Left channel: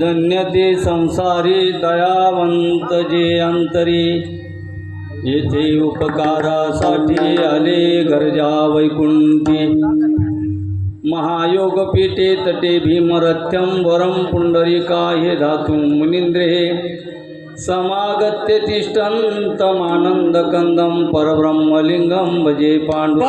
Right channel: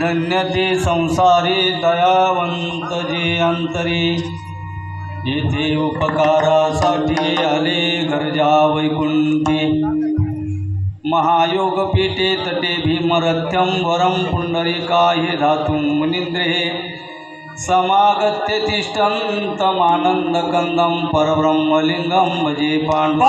धन्य ते संसारी दयावंत जे अंतरी. येथे उपकारासाठी आले गरजा वैकुंठी. महायोगपीठे तटे भीमरथ्यंबरम पुंडरिका हे धातुं मुनिंद्रे. समागत्य तिष्ठन्तमानन्दकन्दं परब्रह्मलिङ्गं भजे पांडु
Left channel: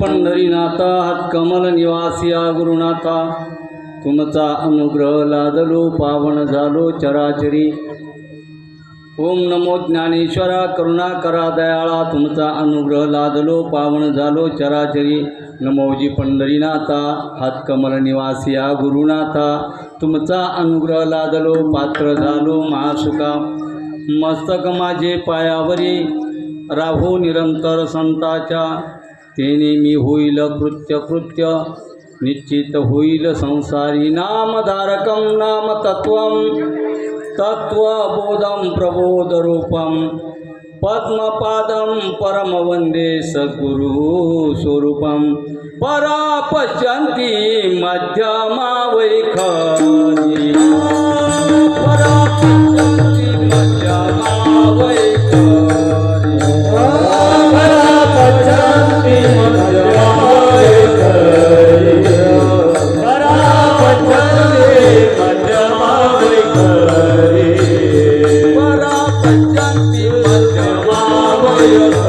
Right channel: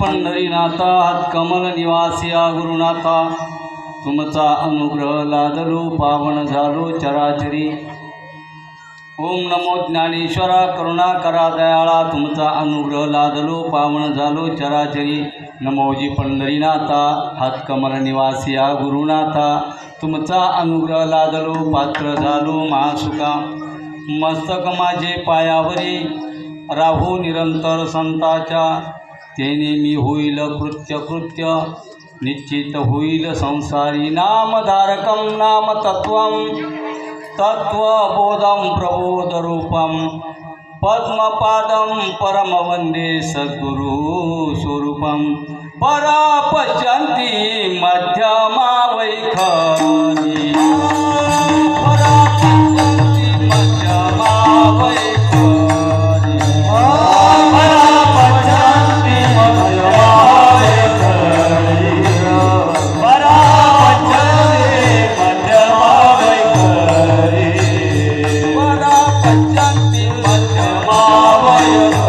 पंढरीनाथा कमल निवासिया गुरुनाथा तुमचा अनुग्रह लादलो पावन झालो चराचरी. ओम नमो ज्ञानेश्वरा करुणा करा दयाळा तुमचा अनुग्रह लादलो पावन झालो चराचरी. नमोजी पंढरीनाथा हातकमल निवासिया गुरुनाथा तुमचा अनुग्रह लादलो पात्र झालो महासुका मस्तक माझे पायावरी राहू निरंतर संताच्या. तेने मी होईल कृत्य कृत्य निश्चित होईल संसारी नामधारकं नाम तत्वं तत्त्वबोधं प्रबोधरूपं पद्मपादं परमवन्दे सद्गुरु स्वरूपं परा पश्यन्ति मध्यमा 我的妈呀！